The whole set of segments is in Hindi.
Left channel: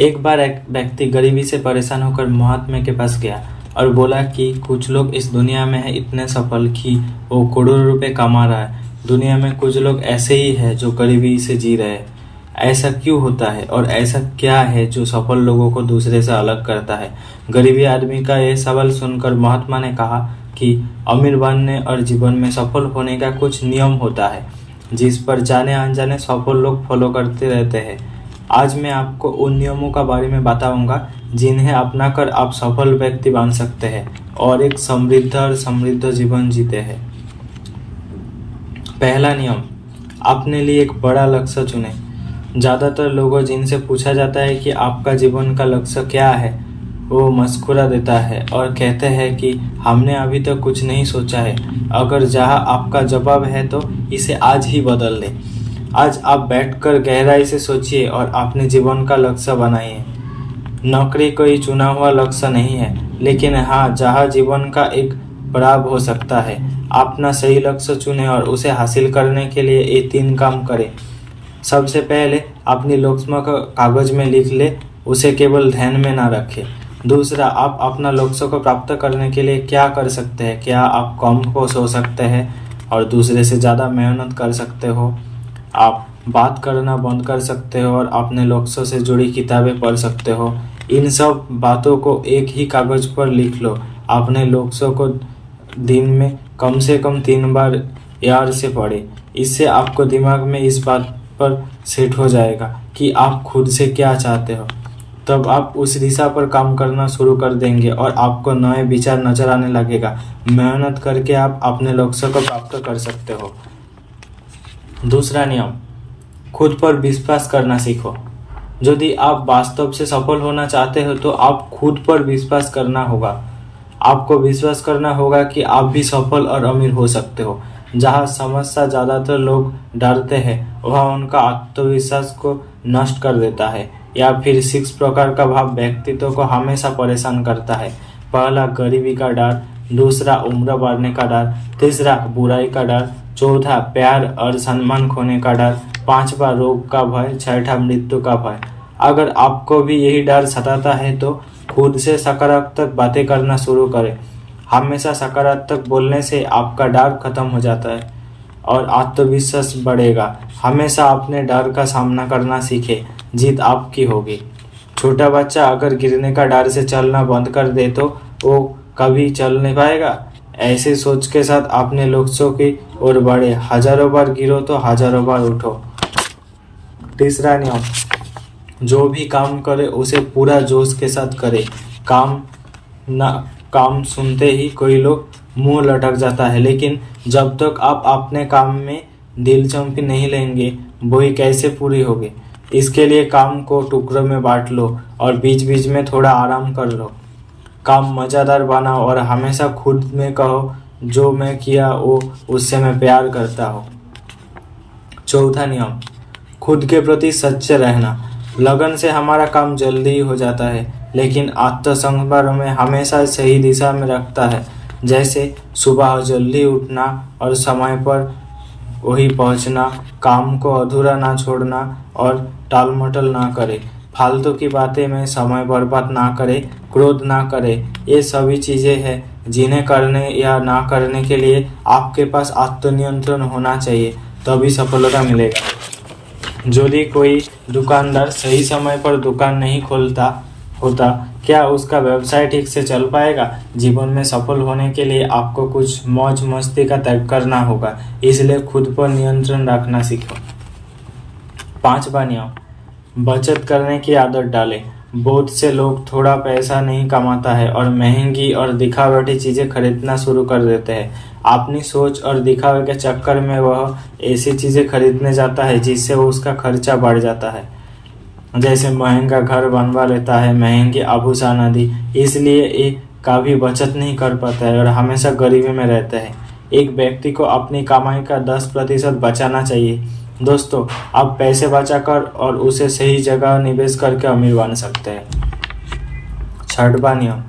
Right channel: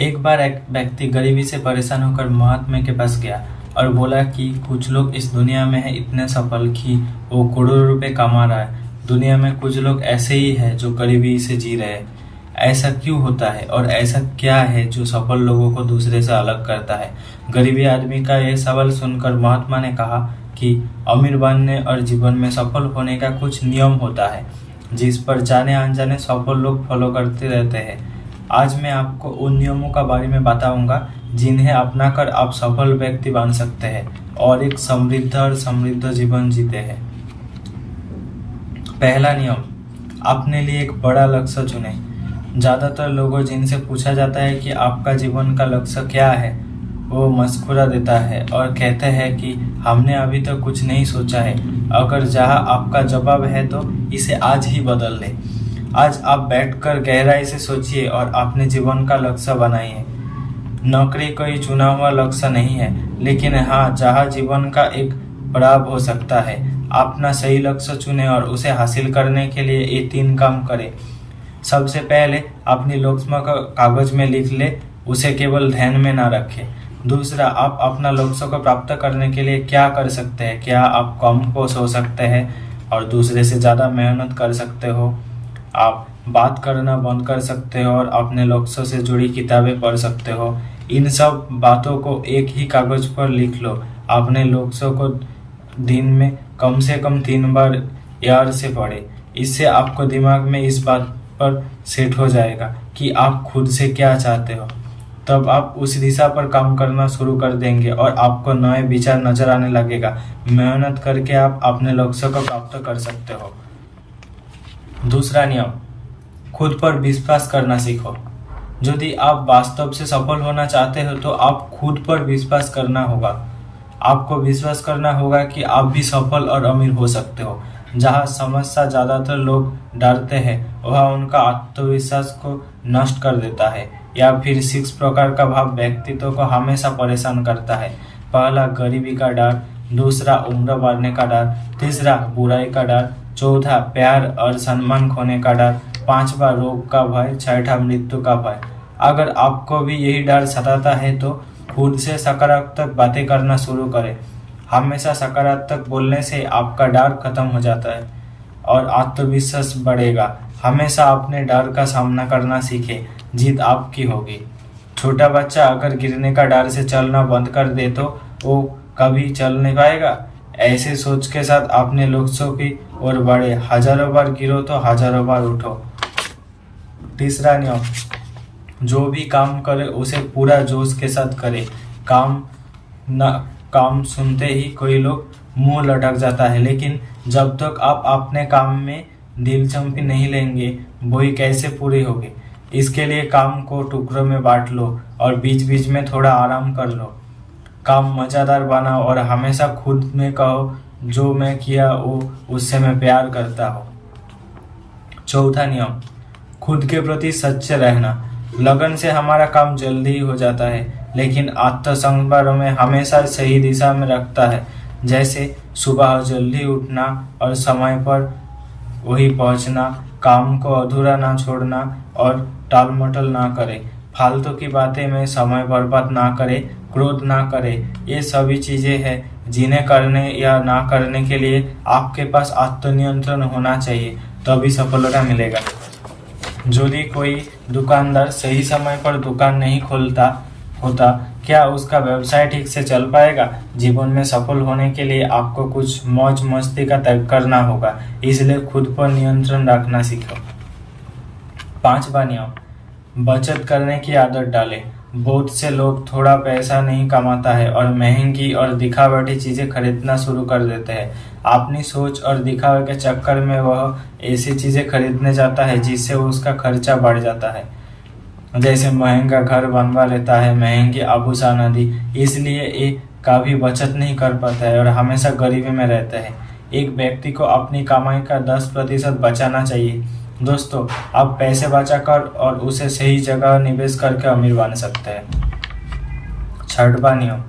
एक बार एक व्यक्ति गरीबी से परेशान होकर महात्मा के पास गया और बोला कि कुछ लोग इस दुनिया में है इतने सफल कि वो करोड़ों रुपए कमा रहा है। दुनिया में कुछ लोग ऐसे ही है जो गरीबी से जी रहे हैं। ऐसा क्यों होता है और ऐसा क्या है जो सफल लोगों को दूसरे से अलग करता है? गरीबी आदमी का यह सवाल सुनकर महात्मा ने कहा कि अमीर बनने और जीवन में सफल होने का कुछ नियम होता है जिस पर जाने अनजाने सफल लोग फॉलो करते रहते हैं। आज मैं आपको उन नियमों का बारे में बताऊंगा जिन्हें अपनाकर आप सफल व्यक्ति बन सकते हैं और एक समृद्ध जीवन जीते हैं। पहला नियम, अपने लिए एक बड़ा लक्ष्य चुनें। ज़्यादातर लोगों जिनसे पूछा जाता है कि आपका जीवन का लक्ष्य क्या है, वो मुस्कुरा देता है और कहते हैं कि हमने अभी तक कुछ नहीं सोचा है। अगर जहां आपका जवाब है तो इसे आज ही बदल लें। आज आप बैठकर गहराई से सोचिए और अपने जीवन का लक्ष्य बनाइए। नौकरी कोई चुना हुआ लक्ष्य नहीं है, लेकिन हाँ, जहाँ जीवन का एक पड़ाव हो सकता है। अपना सही लक्ष्य चुनें और उसे हासिल करने के लिए ये 3 काम करें। सबसे पहले अपनी लक्ष्य को कागज में लिख ले, उसे केवल ध्यान में ना रखें। दूसरा, आप अपना लक्ष्य को प्राप्त करने के लिए क्या कर सकते हैं? क्या आप कम को सो सकते हैं और दूसरे से ज़्यादा मेहनत कर सकते हो? आप बात करना बंद कर सकते हो और अपने लक्ष्य से जुड़ी किताबें पढ़ सकते हो। इन सब बातों को एक ही कागज पर लिख लो। अपने लक्ष्य को दिन में कम से कम 3 बार याद से पढ़े। इससे आपको दिमाग में इस बात पर सेट हो जाएगा कि आप खुद से क्या चाहते हो। तब आप उस दिशा पर काम करना शुरू कर देंगे और आपको नए विचार नजर आने लगेगा। मेहनत करके आप अपने लक्ष्य को प्राप्त कर सकते हो। दूसरा नियम, खुद पर विश्वास करना सीखो। यदि आप वास्तव से सफल होना चाहते हो तो आप खुद पर विश्वास करना होगा। आपको विश्वास करना होगा कि आप भी सफल और अमीर हो सकते हो। जहाँ समस्या ज़्यादातर लोग डरते हैं, वह उनका आत्मविश्वास को नष्ट कर देता है। या फिर 6 प्रकार का भाव व्यक्तित्व को हमेशा परेशान करता है। पहला, गरीबी का डर। दूसरा, उम्र बढ़ने का डर। तीसरा, बुराई का डर। चौथा, प्यार और सम्मान खोने का डर। 5वां, रोग का भय। 6वां, मृत्यु का भय। अगर आपको भी यही डर सताता है तो खुद से सकारात्मक बातें करना शुरू करें। हमेशा सकारात्मक बोलने से आपका डर खत्म हो जाता है और आत्मविश्वास बढ़ेगा। हमेशा अपने डर का सामना करना सीखें, जीत आपकी होगी। छोटा बच्चा अगर गिरने का डर से चलना बंद कर दे तो वो कभी चल नहीं पाएगा। ऐसे सोच के साथ अपने लक्ष्यों की ओर बढ़े। हजारों बार गिरो तो हजारों बार उठो। तीसरा नियम, जो भी काम करे उसे पूरा जोश के साथ करे। काम सुनते ही कोई लोग मुंह लटक जाता है, लेकिन जब तक आप अपने काम में दिलचस्पी नहीं लेंगे वही कैसे पूरी होगी। इसके लिए काम को टुकड़ों में बांट लो और बीच बीच में थोड़ा आराम कर लो। काम मज़ेदार बनाओ और हमेशा खुद में कहो, जो मैं किया वो उससे मैं प्यार करता हूँ। चौथा नियम, खुद के प्रति सच्चे रहना। लगन से हमारा काम जल्दी ही हो जाता है, लेकिन आत्मसंभार में हमेशा सही दिशा में रखता है। जैसे सुबह जल्दी उठना और समय पर वही पहुंचना, काम को अधूरा ना छोड़ना और टाल मटोल ना करे, फालतू की बातें में समय बर्बाद ना करे, क्रोध ना करे। ये सभी चीज़ें हैं जिन्हें करने या ना करने के लिए आपके पास आत्मनियंत्रण होना चाहिए, तभी सफलता मिलेगा। यदि कोई दुकानदार सही समय पर दुकान नहीं खोलता होता, क्या उसका व्यवसाय ठीक से चल पाएगा? जीवन में सफल होने के लिए आपको कुछ मौज मस्ती का त्याग करना होगा, इसलिए खुद पर नियंत्रण रखना सीखो। 5वां नियम, बचत करने की आदत डालें। बहुत से लोग थोड़ा पैसा नहीं कमाता है और महंगी और दिखावटी चीजें खरीदना शुरू कर देते हैं। अपनी सोच और दिखावे के चक्कर में वह ऐसी चीजें खरीदने जाता है जिससे उसका खर्चा बढ़ जाता है। जैसे महंगा घर बनवा लेता है, महंगे आभूषण आदि। इसलिए एक का भी बचत नहीं कर पाता है और हमेशा गरीबी में रहता है। एक व्यक्ति को अपनी कमाई का 10% बचाना चाहिए। दोस्तों, आप पैसे बचाकर और उसे सही जगह निवेश करके अमीर बन सकते हैं। 6वां नियम,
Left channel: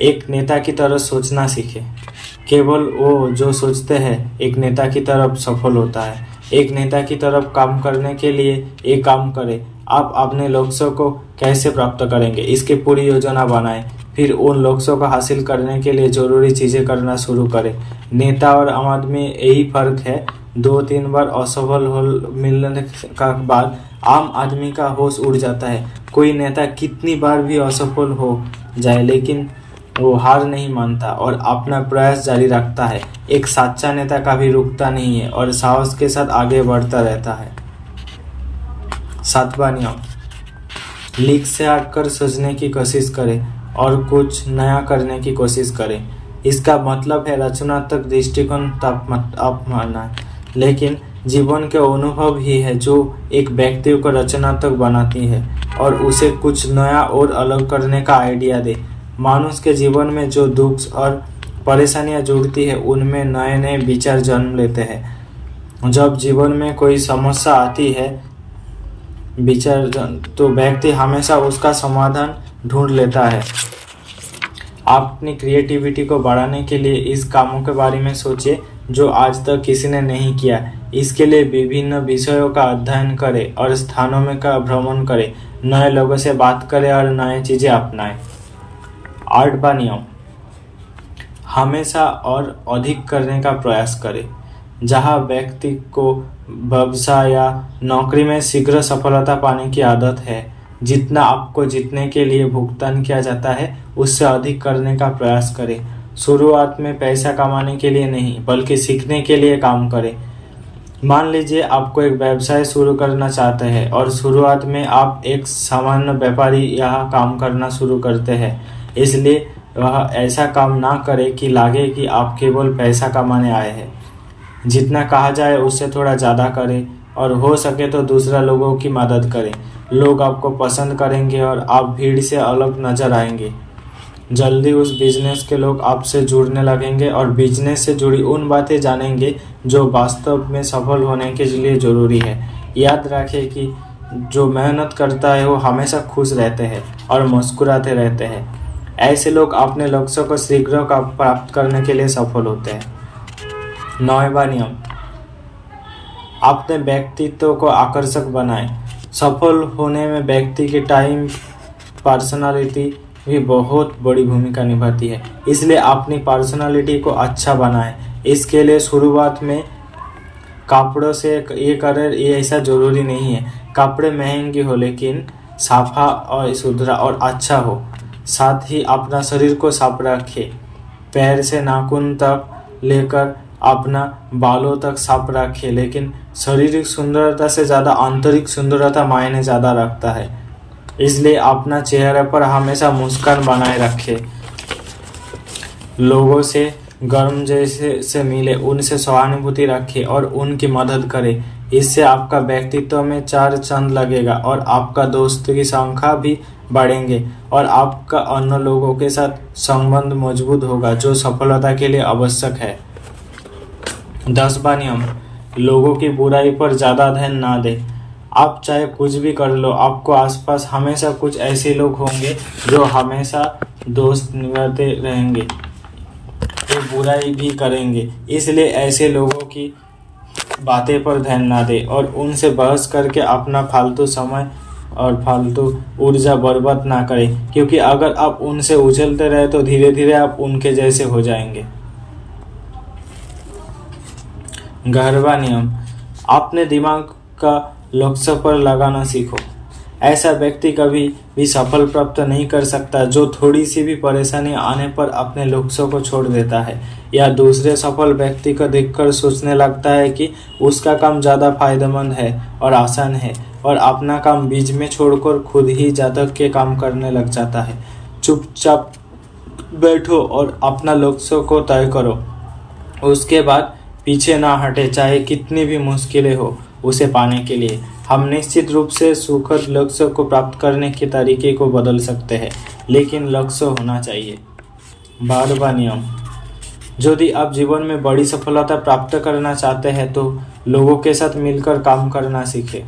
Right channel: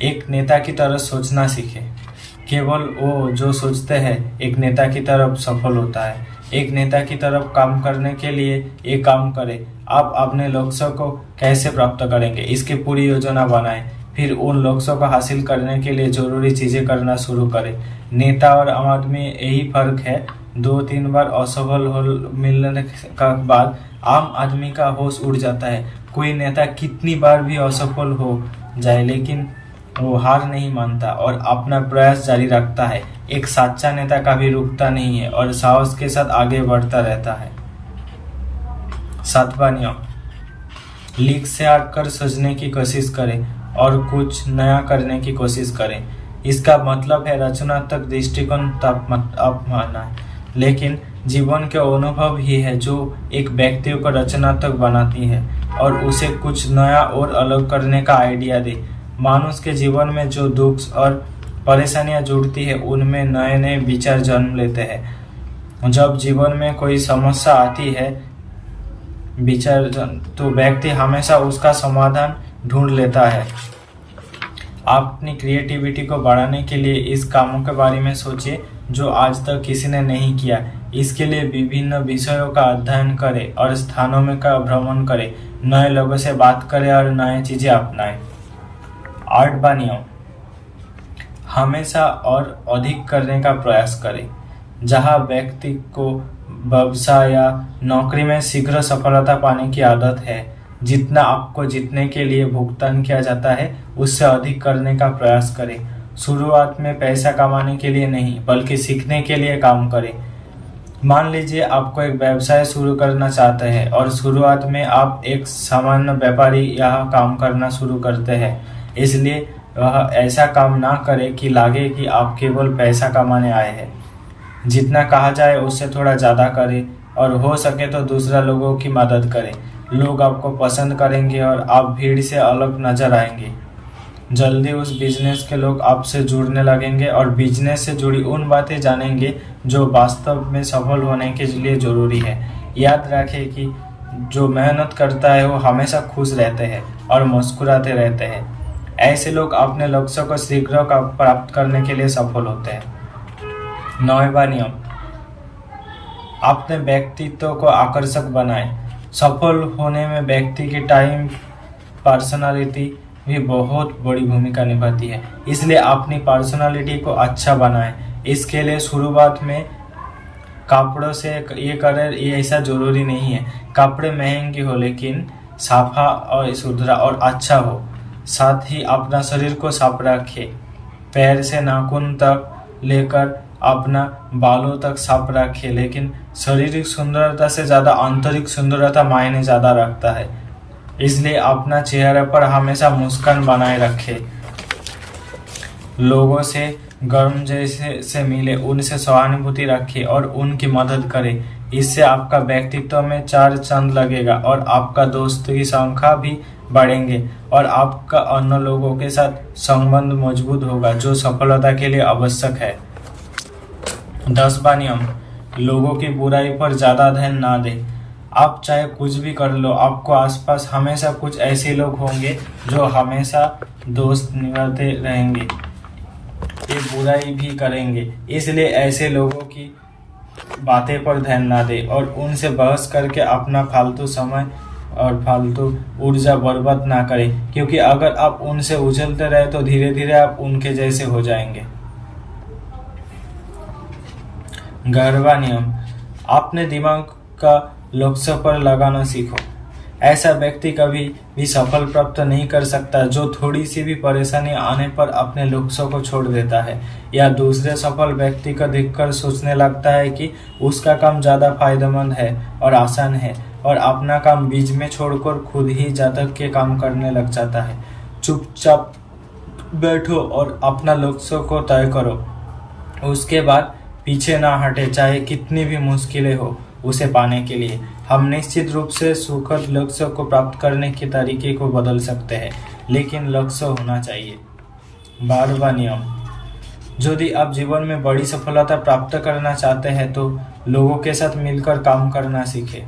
एक नेता की तरह सोचना सीखें। केवल वो जो सोचते हैं एक नेता की तरफ सफल होता है। एक नेता की तरफ काम करने के लिए एक काम करें। आप अपने लक्ष्यों को कैसे प्राप्त करेंगे, इसकी पूरी योजना बनाएं। फिर उन लक्ष्यों को हासिल करने के लिए जरूरी चीजें करना शुरू करें। नेता और आम आदमी में यही फर्क है। 2-3 बार असफल हो मिलने का बाद आम आदमी का होश उड़ जाता है। कोई नेता कितनी बार भी असफल हो जाए लेकिन वो हार नहीं मानता और अपना प्रयास जारी रखता है। एक सच्चा नेता कभी रुकता नहीं है और साहस के साथ आगे बढ़ता रहता है। 7वां नियम, लीक से हटकर सोचने की कोशिश करें और कुछ नया करने की कोशिश करें। इसका मतलब है रचनात्मक दृष्टिकोण अपनाना। लेकिन जीवन के अनुभव ही है जो एक व्यक्ति को रचनात्मक बनाती है और उसे कुछ नया और अलग करने का आइडिया दे। मनुष्य के जीवन में जो दुख और परेशानियां जुड़ती है उनमें नए नए विचार जन्म लेते हैं। जब जीवन में कोई समस्या आती है तो व्यक्ति हमेशा उसका समाधान ढूंढ लेता है। आप अपनी क्रिएटिविटी को बढ़ाने के लिए इस कामों के बारे में सोचिए जो आज तक किसी ने नहीं किया। इसके लिए विभिन्न विषयों का अध्ययन करें और स्थानों में का भ्रमण करें, नए लोगों से बात करें और नए चीजें अपनाएं। 8वां नियम, हमेशा और अधिक करने का प्रयास करें। जहां व्यक्ति को व्यवसाय या नौकरी में शीघ्र सफलता पाने की आदत है, जितना आपको जीतने के लिए भुगतान किया जाता है उससे अधिक करने का प्रयास करें। शुरुआत में पैसा कमाने के लिए नहीं बल्कि सीखने के लिए काम करें। मान लीजिए आपको एक व्यवसाय शुरू करना चाहते हैं और शुरुआत में आप एक सामान्य व्यापारी यहाँ काम करना शुरू करते हैं, इसलिए वह ऐसा काम ना करे कि लगे कि आप केवल पैसा कमाने आए हैं। जितना कहा जाए उससे थोड़ा ज़्यादा करें और हो सके तो दूसरा लोगों की मदद करें। लोग आपको पसंद करेंगे और आप भीड़ से अलग नजर आएंगे। जल्दी उस बिजनेस के लोग आपसे जुड़ने लगेंगे और बिजनेस से जुड़ी उन बातें जानेंगे जो वास्तव में सफल होने के लिए जरूरी है। याद रखें कि जो मेहनत करता है वो हमेशा खुश रहते हैं और मुस्कुराते रहते हैं। ऐसे लोग अपने लक्ष्यों को शीघ्र प्राप्त करने के लिए सफल होते हैं। 9वां नियम, अपने व्यक्तित्व को आकर्षक बनाएं। सफल होने में व्यक्ति की टाइम पर्सनालिटी भी बहुत बड़ी भूमिका निभाती है, इसलिए अपनी पर्सनालिटी को अच्छा बनाएं। इसके लिए शुरुआत में कपड़ों से ये करें, ये ऐसा जरूरी नहीं है कपड़े महंगे हो लेकिन साफा और सुथरा और अच्छा हो। साथ ही अपना शरीर को साफ रखें, पैर से नाखून तक लेकर अपना बालों तक साफ रखें। लेकिन शारीरिक सुंदरता से ज़्यादा आंतरिक सुंदरता मायने ज़्यादा रखता है, इसलिए अपना चेहरे पर हमेशा मुस्कान बनाए रखें। लोगों से गर्म जैसे से मिले, उनसे सहानुभूति रखें और उनकी मदद करें। इससे आपका व्यक्तित्व में 4 चांद लगेगा और आपका दोस्तों की संख्या भी बढ़ेंगे और आपका अन्य लोगों के साथ संबंध मजबूत होगा जो सफलता के लिए आवश्यक है। 10वां नियम, लोगों की बुराई पर ज्यादा ध्यान ना दें। आप चाहे कुछ भी कर लो, आपको आसपास हमेशा कुछ ऐसे लोग होंगे जो हमेशा दोस्त निभाते रहेंगे, ये बुराई भी करेंगे। इसलिए ऐसे लोगों की बातें पर ध्यान ना दें और उनसे बहस करके अपना फालतू समय और फालतू ऊर्जा बर्बाद ना करें, क्योंकि अगर आप उनसे उछलते रहे तो धीरे धीरे आप उनके जैसे हो जाएंगे। 11वां नियम, अपने दिमाग का लक्ष्य पर लगाना सीखो। ऐसा व्यक्ति कभी भी सफल प्राप्त नहीं कर सकता जो थोड़ी सी भी परेशानी आने पर अपने लक्ष्यों को छोड़ देता है या दूसरे सफल व्यक्ति को देखकर सोचने लगता है कि उसका काम ज्यादा फायदेमंद है और आसान है और अपना काम बीच में छोड़कर खुद ही जातक के काम करने लग जाता है। चुपचाप बैठो और अपना लक्ष्य को तय करो, उसके बाद पीछे ना हटे, चाहे कितनी भी मुश्किलें हो उसे पाने के लिए। हम निश्चित रूप से सुखद लक्ष्य को प्राप्त करने के तरीके को बदल सकते हैं, लेकिन लक्ष्य होना चाहिए। 12वां नियम, यदि आप जीवन में बड़ी सफलता प्राप्त करना चाहते हैं तो लोगों के साथ मिलकर काम करना सीखें,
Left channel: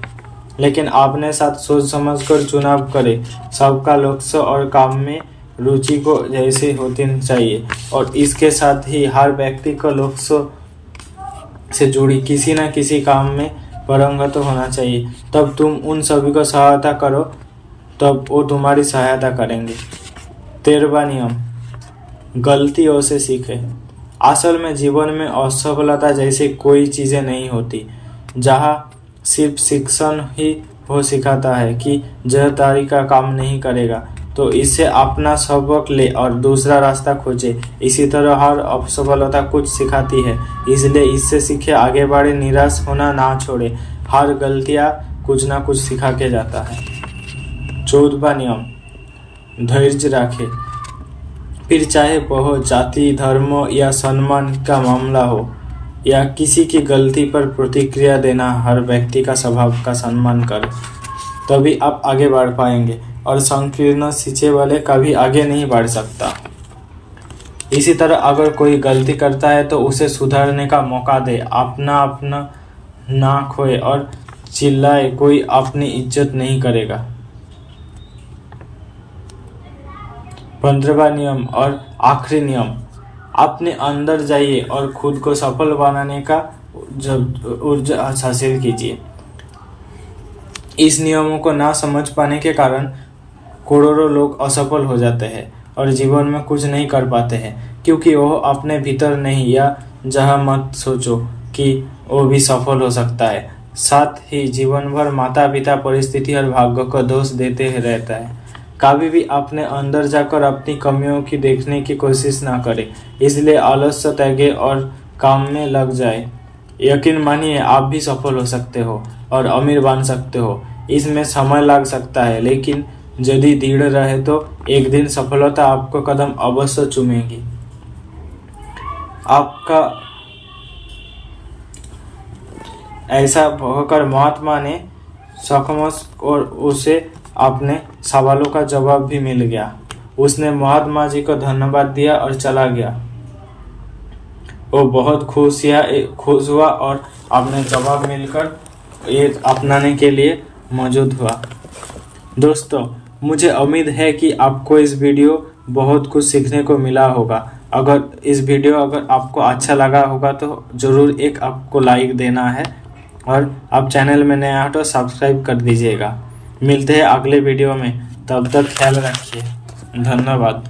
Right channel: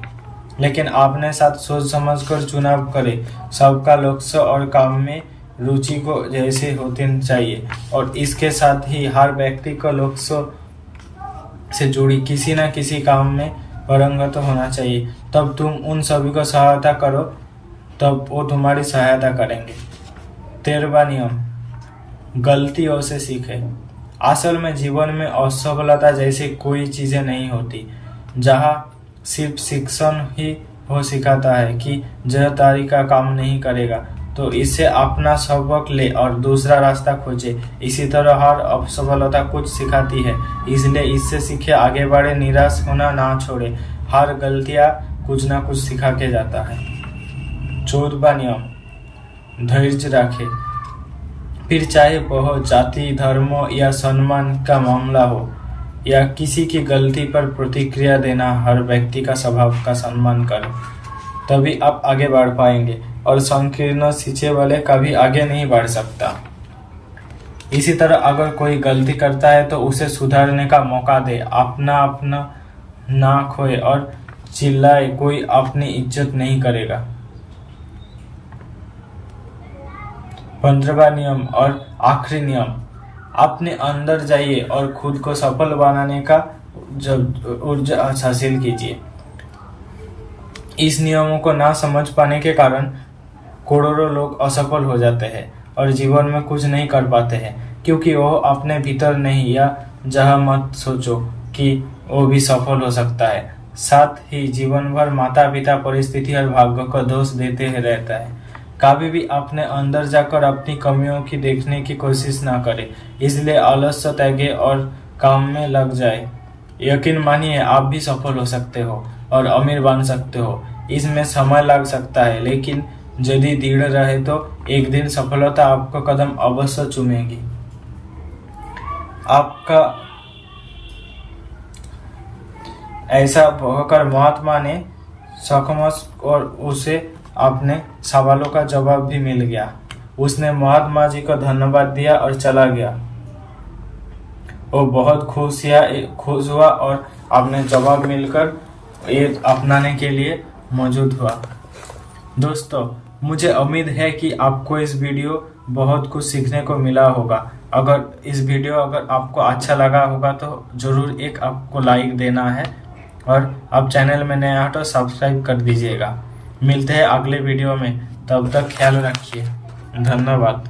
लेकिन अपने साथ सोच समझकर चुनाव करें। सबका लक्ष्य और काम में रुचि को जैसे होती चाहिए और इसके साथ ही हर व्यक्ति का लक्ष्य से जुड़ी किसी न किसी काम में पारंगत होना चाहिए। तब तुम उन सभी को सहायता करो, तब वो तुम्हारी सहायता करेंगे। 13वां नियम, गलतियों से सीखे। असल में जीवन में असफलता जैसी कोई चीजें नहीं होती। जहाँ सिर्फ शिक्षण ही वो सिखाता है कि यह तरीका काम नहीं करेगा तो इससे अपना सबक ले और दूसरा रास्ता खोजे। इसी तरह हर असफलता कुछ सिखाती है, इसलिए इससे सीखे, आगे बढ़े, निराश होना ना छोड़े। हर गलतियां कुछ ना कुछ सिखा के जाता है। 14वां नियम, धैर्य रखे। फिर चाहे वह जाति, धर्म या सम्मान का मामला हो या किसी की गलती पर प्रतिक्रिया देना, हर व्यक्ति का स्वभाव का सम्मान करें, तभी आप आगे बढ़ पाएंगे और संकीर्ण शिक्षे वाले कभी आगे नहीं बढ़ सकता। इसी तरह अगर कोई गलती करता है तो उसे सुधारने का मौका दे। अपना ना खोए और चिल्लाए, कोई अपनी इज्जत नहीं करेगा। 15वां नियम और आखिरी नियम, अपने अंदर जाइए और खुद को सफल बनाने का ऊर्जा हासिल कीजिए। इस नियमों को ना समझ पाने के कारण करोड़ों लोग असफल हो जाते हैं और जीवन में कुछ नहीं कर पाते हैं, क्योंकि वो अपने भीतर नहीं, या जहाँ मत सोचो कि वो भी सफल हो सकता है। साथ ही जीवन भर माता पिता, परिस्थिति और भाग्य को दोष देते ही रहता है। कभी भी अपने अंदर जाकर अपनी कमियों की देखने की कोशिश ना करें, इसलिए आलस्य त्यागे और काम में लग जाए। यकीन मानिए, आप भी सफल हो सकते हो और अमीर बन सकते हो। इसमें समय लग सकता है, लेकिन यदि दृढ़ रहे तो एक दिन सफलता आपको कदम अवश्य चूमेगी। आपका ऐसा होकर महात्मा ने सकमस और उसे अपने सवालों का जवाब भी मिल गया। उसने महात्मा जी को धन्यवाद दिया और चला गया। वो बहुत खुश हुआ और अपने जवाब मिलकर ये अपनाने के लिए मौजूद हुआ। दोस्तों, मुझे उम्मीद है कि आपको इस वीडियो बहुत कुछ सीखने को मिला होगा। अगर इस वीडियो आपको अच्छा लगा होगा तो जरूर एक आपको लाइक देना है और आप चैनल में नया हो तो सब्सक्राइब कर दीजिएगा। मिलते हैं अगले वीडियो में, तब तक ख्याल रखिए। धन्यवाद।